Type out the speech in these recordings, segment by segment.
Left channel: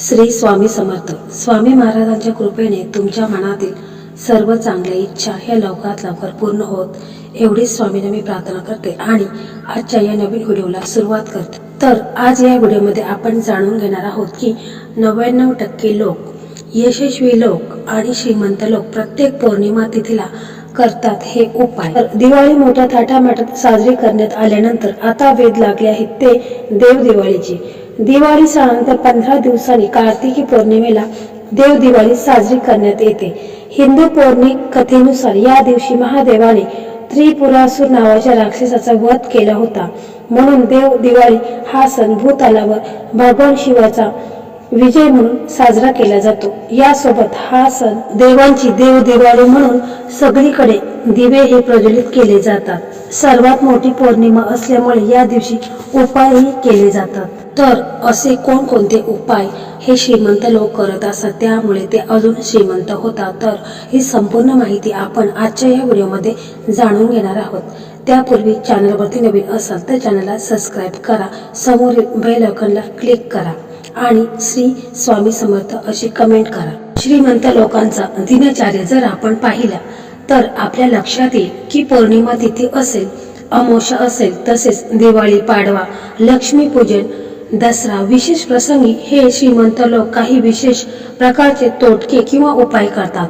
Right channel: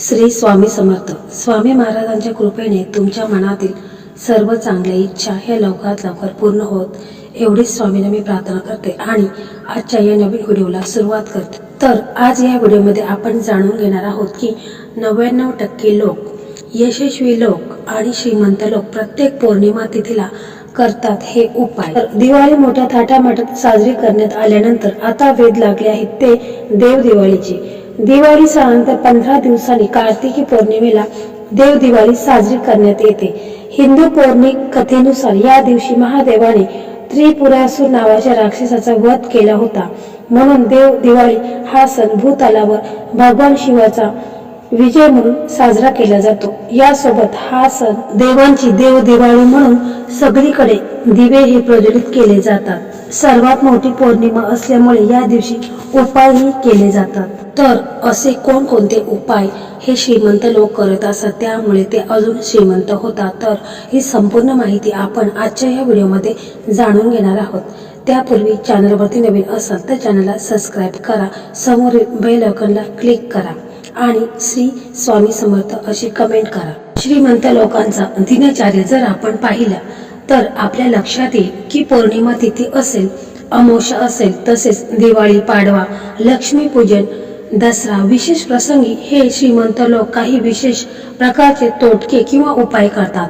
श्री स्वामी समर्थ. स्वामी महाराजांच्या कृपेने तुमच्या मनातील सर्व चांगल्या इच्छा ह्या लवकरात लवकर पूर्ण होत एवढीच स्वामीला मी प्रार्थना करते आणि आजच्या या नवीन व्हिडिओला सुरुवात करते. तर आज या व्हिडिओमध्ये आपण जाणून घेणार आहोत की नव्याण्णव टक्के लोक यशस्वी लोक आणि श्रीमंत लोक प्रत्येक पौर्णिमा तिथीला करतात हे उपाय. तर दिवाळी मोठ्या थाटामाटात साजरी करण्यात आल्यानंतर आता वेध लागले आहेत ते देव दिवाळीची. दिवाळी सणानंतर पंधरा दिवसांनी कार्तिकी पौर्णिमेला देव दिवाळी साजरी करण्यात येते. हिंदू पौर्णिक कथेनुसार या दिवशी महादेवाने त्रिपुरासूर नावाच्या राक्षसाचा वध केला होता. म्हणून देव दिवाळी हा सण भूतलावर भगवान शिवाचा विजय म्हणून साजरा केला जातो. यासोबत हा सण देवांची देव दिवाळी म्हणून सगळीकडे दिवे हे प्रज्वलित केले जातात. सर्वात मोठी पौर्णिमा असल्यामुळे या दिवशी उपायही केले जातात. तर असे कोणकोणते उपाय हे श्रीमंत लोक करत असतात? त्यामुळे ते अजून श्रीमंत होतात. तर ही संपूर्ण माहिती आपण आजच्या या व्हिडिओमध्ये जाणून घेणार आहोत. त्यापूर्वी चॅनलवरती नवीन असाल तर चॅनलला सबस्क्राईब करा. समोरील बेल आयकॉनला क्लिक करा. आणि श्री स्वामी समर्थ अशी कमेंट करा. श्रीमंत लोकांचा दिनचार्य जर आपण पाहिला तर आपल्या लक्षात येईल की पौर्णिमा तिथी असेल अमोशा असेल तसेच दिवाळी पाडवा लक्ष्मीपूजन दसरा विशेष प्रसंगी हे श्रीमंत लोक काही विशेष प्रकारचे तोटके किंवा उपाय करतात.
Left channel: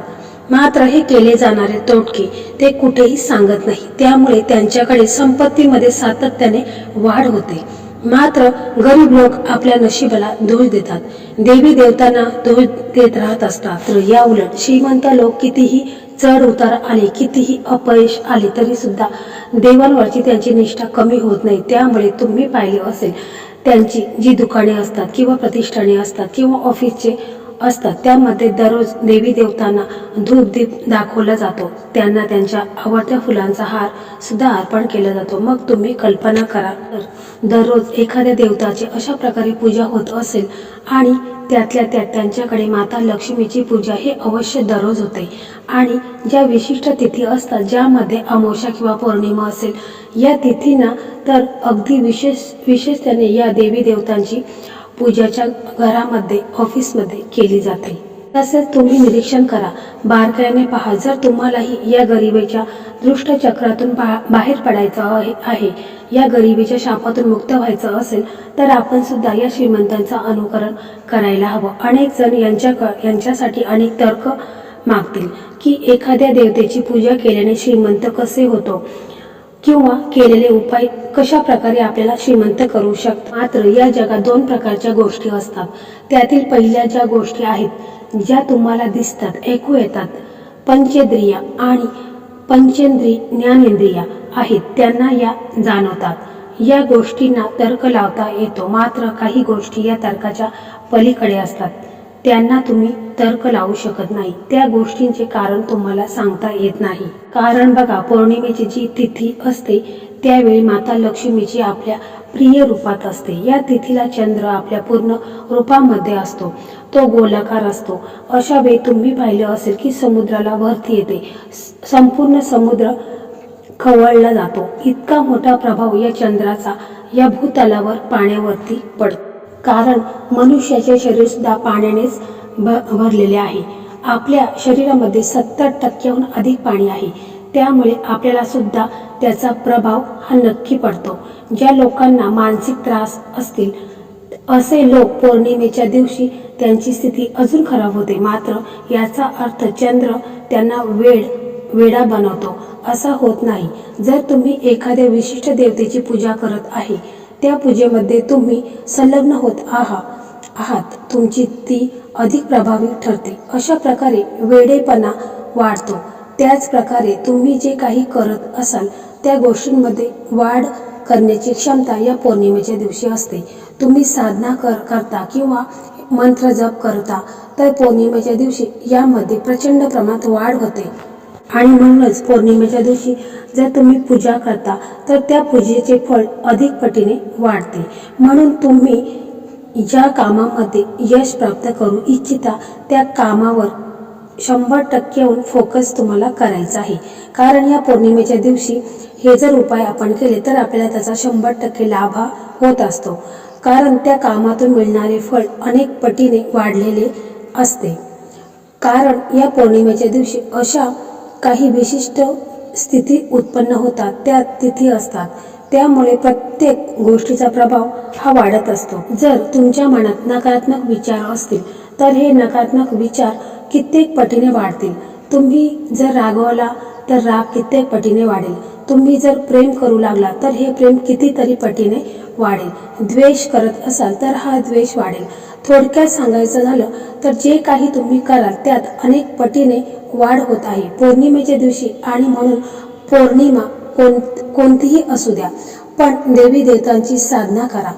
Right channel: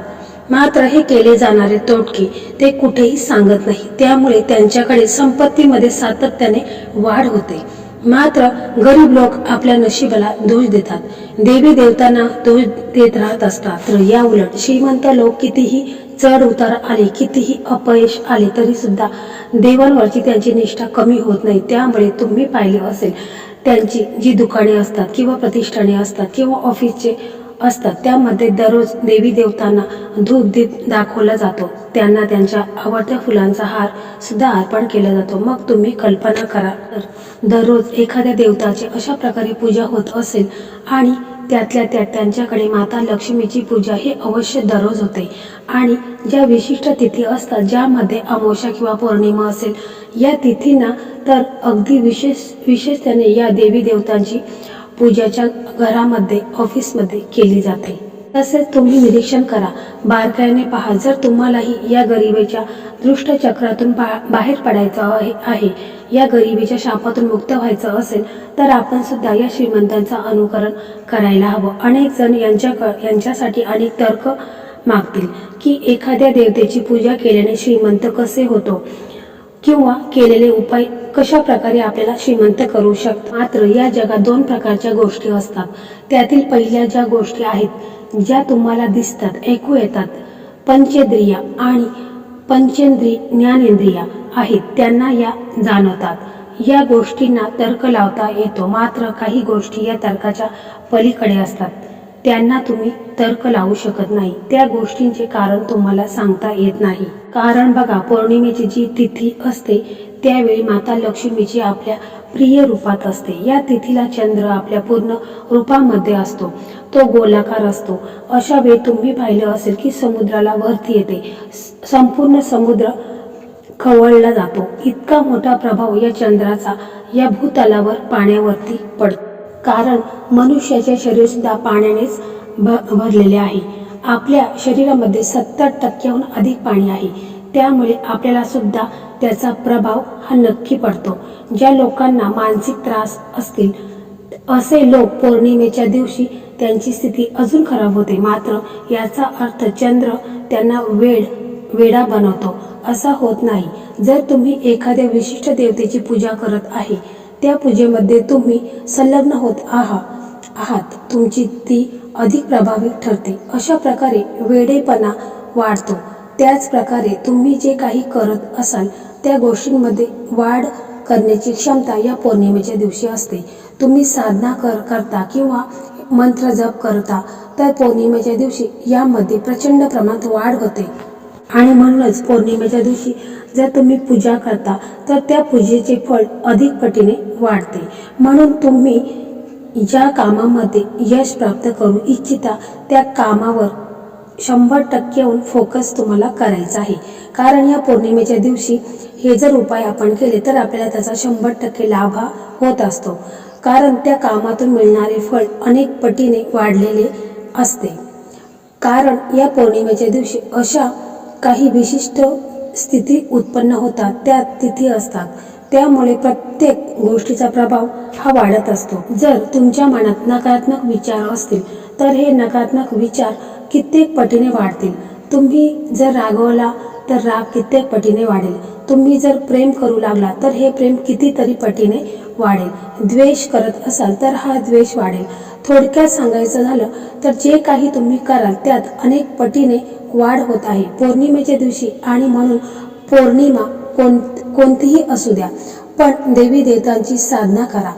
मात्र हे केले जाणारे तोटके ते कुठेही सांगत नाही. त्यामुळे त्यांच्याकडे संपत्तीमध्ये सातत्याने वाढ होते. मात्र गरीब लोक आपल्या नशिबाला दोष देतात. देवी देवतांना दोष देत राहत असतात. तर या उलट श्रीमंत लोक कितीही चढ उतार आले कितीही अपयश आले तरी सुद्धा देवांवरची त्यांची निष्ठा कमी होत नाही. त्यामुळे तुम्ही पाहिले असेल त्यांची जी दुकाने असतात किंवा प्रतिष्ठाने असतात किंवा ऑफिसचे असतात त्यामध्ये दररोज देवी देवतांना धूपदीप दाखवला जातो. त्यांना त्यांच्या आवडत्या फुलांचा हार सुद्धा अर्पण केला जातो. मग तुम्ही कल्पना करा तर दररोज एखाद्या देवताची अशा प्रकारे पूजा होत असेल आणि त्यातल्या त्यात त्यांच्याकडे माता लक्ष्मीची पूजा ही अवश्य दररोज होते. आणि ज्या विशिष्ट तिथी असतात ज्यामध्ये अमावस्या किंवा पौर्णिमा असेल या तिथींना तर अगदी विशेष विशेषतेने या देवी देवतांची पूजाच्या घरामध्ये ऑफिसमध्ये केली जाते. तसेच तुम्ही निरीक्षण करा. बारकाईने पहा. जर तुम्हालाही या गरिबीच्या दृष्टचक्रातून बा बाहेर पडायचं आहे आहे या गरिबीच्या शापातून मुक्त व्हायचं असेल तर आपण सुद्धा या श्रीमंतांचं अनुकरण करायला हवं. अनेक जण यांच्या यांच्यासाठी अनेक तर्क मागतील की एखाद्या देवतेची पूजा केल्याने श्रीमंत कसे होतो? किंवा केलेले उपाय कशा प्रकारे आपल्याला श्रीमंत करू शकतो मात्र या जगात दोन प्रकारच्या गोष्टी असतात. त्यातील पहिल्या ज्या गोष्टी आहेत ज्या तुम्हाला दिसतात ऐकू येतात पंचेंद्रिया आणि पंचेंद्रिय ज्ञानेंद्रिया आहेत त्यांना या जाणवतात. या गोष्टींना तर्क लावता येतो मात्र काही गोष्टी या तर्काच्या पलीकडे असतात. त्यांना तुम्ही तर्क लावू शकत नाही. त्या गोष्टींचे कारण तुम्हाला सांगता येत नाही. कारण बघा पौर्णिमेची जी तिथी असते त्यावेळी माता लक्ष्मीची आपल्या प्रिय रूपात असते. या तिथीला चंद्र आपल्या पूर्ण रूपामध्ये असतो. तो गोलाकार असतो. अशा वेळी तुम्ही पाहिलं असेल की समुद्राला वरती येते. संपूर्ण समुद्र खवळला जातो. इतका मोठा प्रभाव या चंद्राचा या भूतलावर पाण्यावरती पडतो. कारण मनुष्याचे शरीरसुद्धा पाण्यानेच भ भरलेले आहे. आपल्या शरीरामध्ये सत्तर टक्क्याहून अधिक पाणी आहे. त्यामुळे आपल्याला सुद्धा त्याचा प्रभाव हा नक्की पडतो. ज्या लोकांना मानसिक त्रास असतील असे लोक पौर्णिमेच्या दिवशी त्यांची स्थिती अजून खराब होते. मात्र याचा अर्थ चंद्र त्यांना वेड वेडा बनवतो. असा होत नाही. जर तुम्ही एखाद्या विशिष्ट देवतेची पूजा करत आहे त्या पूजेमध्ये तुम्ही संलग्न होत आहात आहात तुमची ती अधिक प्रभावी ठरते. अशा प्रकारे वेडेपणा वाढतो. त्याचप्रकारे तुम्ही जे काही करत असाल त्या गोष्टींमध्ये वाढ करण्याची क्षमता या पौर्णिमेच्या दिवशी असते. तुम्ही साधना कर करता किंवा मंत्र जप करता तर पौर्णिमेच्या दिवशी यामध्ये प्रचंड प्रमाणात वाढ होते. आणि म्हणूनच पौर्णिमेच्या दिवशी जर तुम्ही पूजा करता तर त्या पूजेचे फळ अधिक पटीने वाढते. म्हणून तुम्ही ज्या कामामध्ये यश प्राप्त करू इच्छिता त्या कामावर शंभर टक्क्याहून फोकस तुम्हाला करायचा आहे. कारण या पौर्णिमेच्या दिवशी हे जर उपाय आपण केले तर आपल्याला त्याचा शंभर टक्के लाभ हा होत असतो. कारण त्या कामातून मिळणारे फळ अनेक पटीने वाढलेले असते. कारण या पौर्णिमेच्या दिवशी अशा काही विशिष्ट स्थिती उत्पन्न होतात त्या तिथी असतात. त्यामुळे प्रत्येक गोष्टीचा प्रभाव हा वाढत असतो. जर तुमच्या मनात नकारात्मक विचार असतील तर हे नकारात्मक विचार कित्येक पटीने वाढतील. तुम्ही जर रागवला तर राग कित्येक पटीने वाढेल. तुम्ही जर प्रेम करू लागला तर हे प्रेम कितीतरी पटीने वाढेल. द्वेष करत असाल तर हा द्वेष वाढेल. थोडक्यात सांगायचं झालं तर जे काही तुम्ही कराल त्यात अनेक पटीने वाढ होत आहे. पौर्णिमेच्या दिवशी आणि म्हणून पौर्णिमा कोण कोणतीही असू द्या. पण देवी देवतांची साधना करा.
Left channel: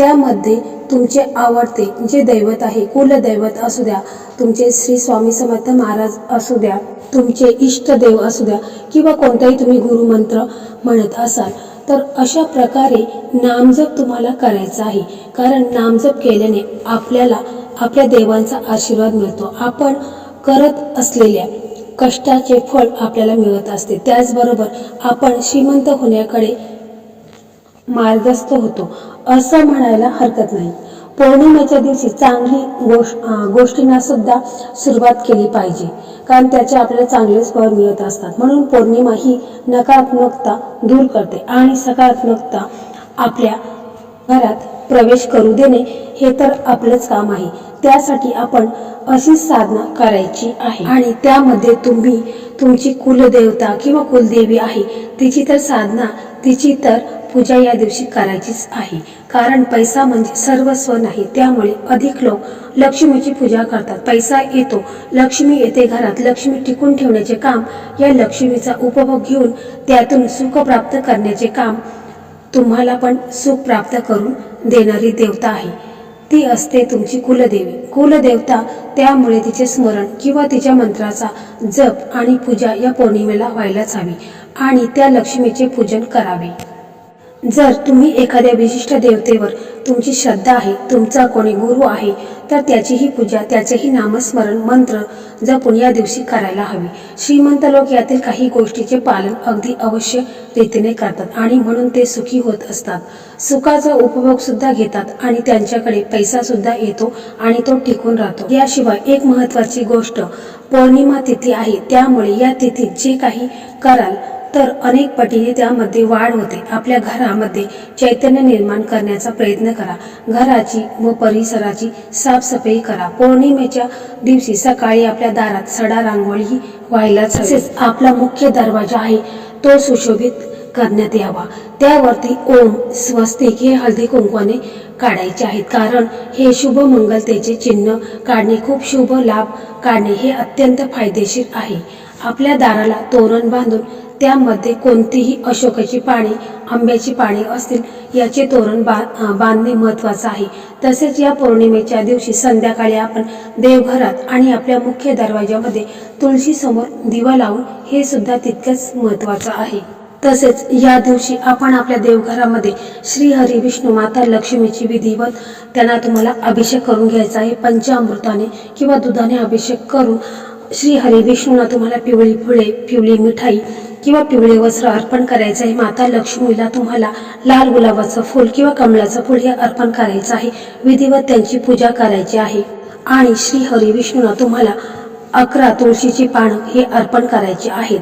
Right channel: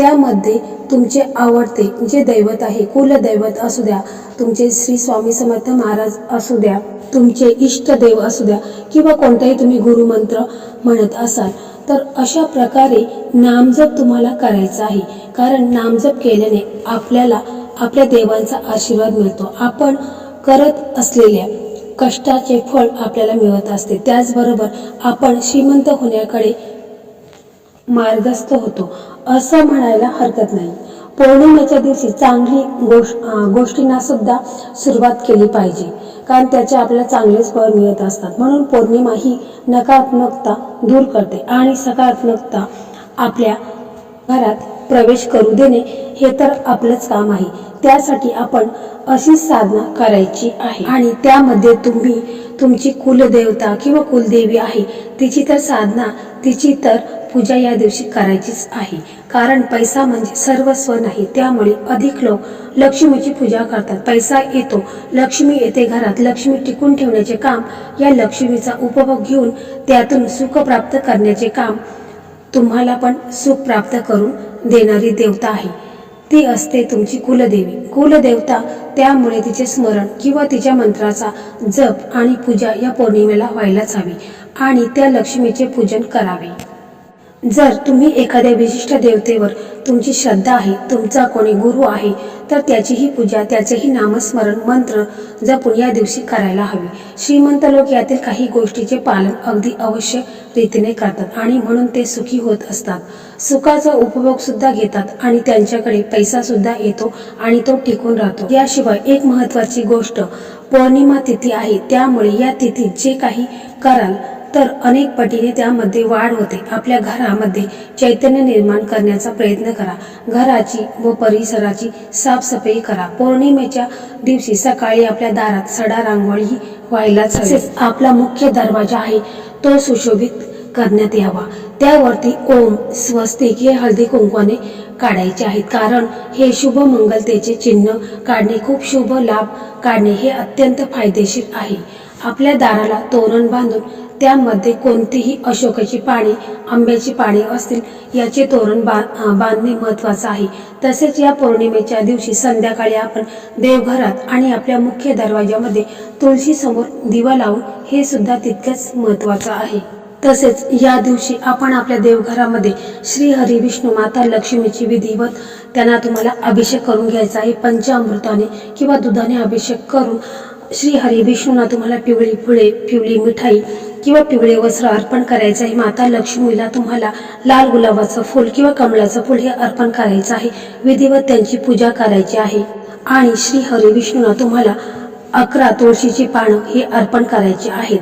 त्यामध्ये तुमचे आवडते जे दैवत आहे कुलदैवत असू द्या तुमचे श्री स्वामी समर्थ महाराज असू द्या तुमचे इष्टदेव असू द्या किंवा कोणताही तुम्ही गुरुमंत्र म्हणत असाल तर अशा प्रकारे नामजप तुम्हाला करायचा आहे. कारण नामजप केल्याने आपल्याला आपल्या देवांचा आशीर्वाद मिळतो. आपण करत असलेल्या कष्टाचे फळ आपल्याला मिळत असते. त्याचबरोबर आपण श्रीमंत होण्याकडे मार्गस्थ होतो. असं म्हणायला हरकत नाही. पौर्णिमेच्या दिवशी चांगली गोष्ट गोष्टींना सुद्धा सुरुवात केली पाहिजे. कारण त्याचे आपल्याला चांगलेच फळ मिळत असतात. म्हणून पौर्णिमा ही नकारात्मकता दूर करते आणि सकारात्मकता आपल्या घरात प्रवेश करू देणे हे तर आपलंच काम आहे. त्यासाठी आपण अशी साधना करायची आहे. आणि त्यामध्ये तुम्ही तुमची कुलदेवता किंवा कुलदेवी आहे. तिची तर साधना तिची तर पूजा या दिवशी करायचीच आहे. कारण पैसा म्हणजे सर्वस्व नाही त्यामुळे अधिक लोक लक्ष्मीची पूजा करतात. पैसा येतो लक्ष्मी येते घरात. लक्ष्मी टिकून ठेवण्याचे काम या लक्ष्मीचा उपभोग घेऊन त्यातून सुख प्राप्त करण्याचे काम तुम्हाला पण सुख प्राप्त करून देणारी देवता आहे. ती असते तुमची कुलदेवी. कुलदेवता त्यामुळे तिचे स्मरण किंवा तिच्या मंत्राचा जप आणि पूजा या पौर्णिमेला व्हायलाच हवी आणि त्या लक्ष्मीचे पूजन करावे. जर तुम्ही एखाद्या विशिष्ट देवतेवर तुमची श्रद्धा आहे तुमचा कोणी गुरु आहे तर त्याचीही पूजा त्याचेही नामस्मरण मंत्र जपून या दिवशी करायला हवी. श्रीमंत लोक यातील काही गोष्टीचे पालन अगदी अवश्य रीतीने करतात आणि म्हणून ते सुखी होत असतात. सुखाचा उपभोग सुद्धा घेतात आणि त्यांच्याकडे पैसा सुद्धा येतो आणि तो टिकून राहतो. याशिवाय एक महत्वाची गोष्ट पौर्णिमा तिथी आहे त्यामुळे या तिथीत जे काही कराल तर अनेक पटीने त्यामध्ये वाढ होते. आपल्या घरामध्ये चैतन्य निर्माण करण्याचा प्रयत्न करा. घराची व परिसराची साफसफाई करा. पौर्णिमेच्या दिवशी सकाळी आपल्या दारात सडा रांगोळी व्हायलाच तसेच आपला मुख्य दरवाजा आहे तो सुशोभित करण्यात यावा. त्यावरती ओम स्वस्तिक हे हळदी कुंकवाने काढायचे आहेत. कारण हे शुभ मंगलतेचे चिन्ह काढणे खूप शुभ लाभ काढणे हे अत्यंत फायदेशीर आहे. आपल्या दाराला तोरण बांधून त्यामध्ये कोणतीही अशोकाची पाने आंब्याची पाने असतील याचे तोरण बा बांधणे महत्त्वाचं आहे. तसेच या पौर्णिमेच्या दिवशी संध्याकाळी आपण देवघरात आणि आपल्या मुख्य दरवाज्यामध्ये तुळशीसमोर दिवा लावून हे सुद्धा तितकंच महत्त्वाचं आहे. तसेच या दिवशी आपण आपल्या देवघरामध्ये श्री हरी विष्णू माता लक्ष्मीची विधिवत त्यांना तुम्हाला अभिषेक करून घ्यायचा आहे. पंचामृताने किंवा दुधाने अभिषेक करून श्री हरी विष्णूंना तुम्हाला पिवळी फुले पिवळी मिठाई किंवा पिवळे वस्त्र अर्पण करायचं आहे. माता लक्ष्मीला तुम्हाला लाल गुलाबाचं फूल किंवा कमळाचं फूल हे अर्पण करायचं आहे. विधिवत त्यांची पूजा करायची आहे. आणि श्री हरी विष्णूंना तुम्हाला अकरा तुळशीची पानं हे अर्पण करायची आहेत.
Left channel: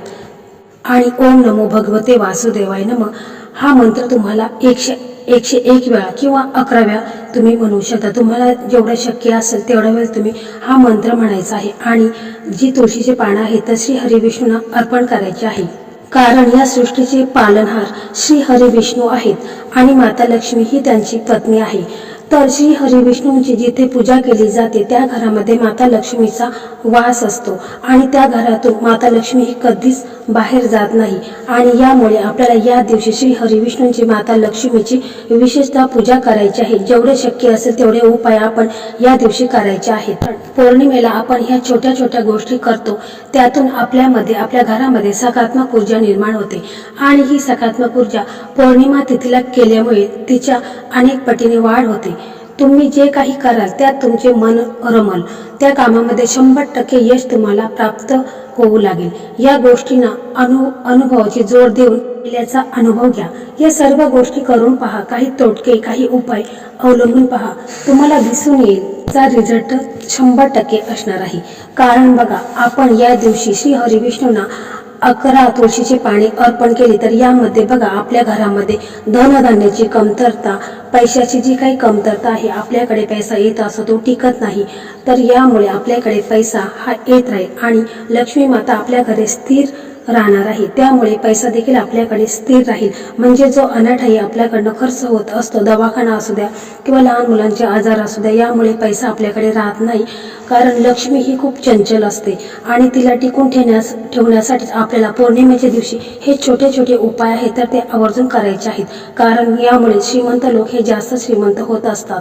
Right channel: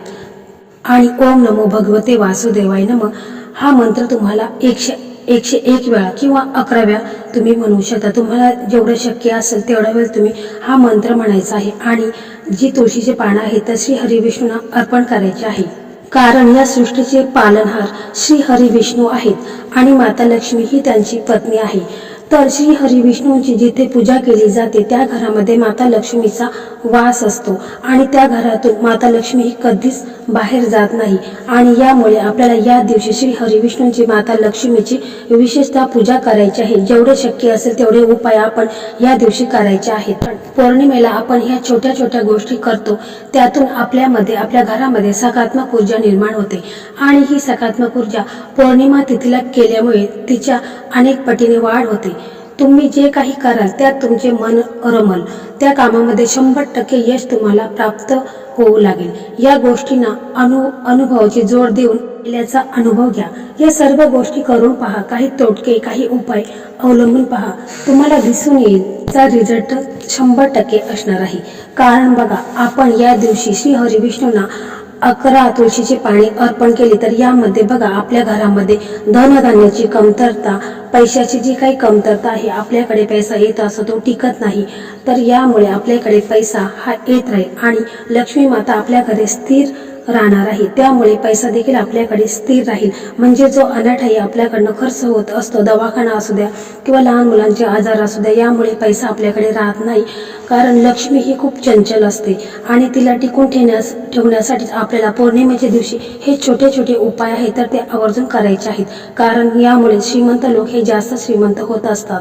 आणि ओम नमो भगवते वासुदेवाय नम. हा मंत्र तुम्हाला एकशे एकशे एक वेळा किंवा अकरा वेळा तुम्ही म्हणू शकता. तुम्हाला जेवढं शक्य असेल तेवढा वेळ तुम्ही हा मंत्र म्हणायचा आहे. आणि जी तुळशीची पानं आहेत तर श्री हरिविष्णूंना अर्पण करायची आहे. कारण या सृष्टीचे पालनहार श्री हरी विष्णू आहेत आणि माता लक्ष्मी ही त्यांची पत्नी आहे. तर श्री हरी विष्णूंची जिथे पूजा केली जाते त्या घरामध्ये माता लक्ष्मीचा वास असतो आणि त्या घरातून माता लक्ष्मी ही कधीच बाहेर जात नाही. आणि यामुळे आपल्याला या दिवशी श्री हरिविष्णूंची माता लक्ष्मीची विशेषतः पूजा करायची आहे. जेवढे शक्य असेल तेवढे उपाय आपण या दिवशी करायचे आहेत. पौर्णिमेला आपण ह्या छोट्या छोट्या गोष्टी करतो. त्यातून आपल्यामध्ये आपल्या घरामध्ये सकारात्मक ऊर्जा निर्माण होते. आणि ही सकारात्मक ऊर्जा पौर्णिमा तिथीला केल्यामुळे तिच्या अनेक पटीने वाढ होते. तुम्ही जे काही कराल त्यात तुमचे मन रमल त्या कामामध्ये शंभर टक्के यश तुम्हाला प्राप्त होऊ लागेल. या गोष्टींना अनु अनुभवाची जोड देऊन केल्याचा अनुभव घ्या. या सर्व गोष्टी करून पहा. काही तोटके काही उपाय अवलंबून पहा. तुम्हाला दिसून येईल चा रिझल्ट शंभर टक्के असणार आहे. कारण बघा आपण या दिवशी श्री हरिविष्णूंना अकरा तुळशीची पाने अर्पण केली तर यामध्ये बघा आपल्या घरामध्ये धनधान्याची कमतरता पैशाची जी काही कमतरता आहे आपल्याकडे पैसा येत असतो तो टिकत नाही तर यामुळे आपल्याकडे पैसा हा येत राहील. आणि लक्ष्मी माता आपल्या घरी स्थिर राहणार आहे. त्यामुळे पैसा देखील आपल्याकडे स्थिर राहील. म्हणजे जो अनाठाई आपल्याकडनं खर्च होत असतो दवाखाना असू द्या किंवा लहान मुलांचे आजार असू द्या यामुळे पैसा आपल्याकडे राहत नाही. कारण लक्ष्मी ही खूप चंचल असते आणि तिला टिकून ठेवण्यास ठेवण्यासाठी आपल्याला पौर्णिमेच्या दिवशी हे छोटे छोटे उपाय आहेत तर ते आवर्जून करायचे आहेत. कारण यामुळे श्रीमंत लोक हे जास्त श्रीमंत होत असतात.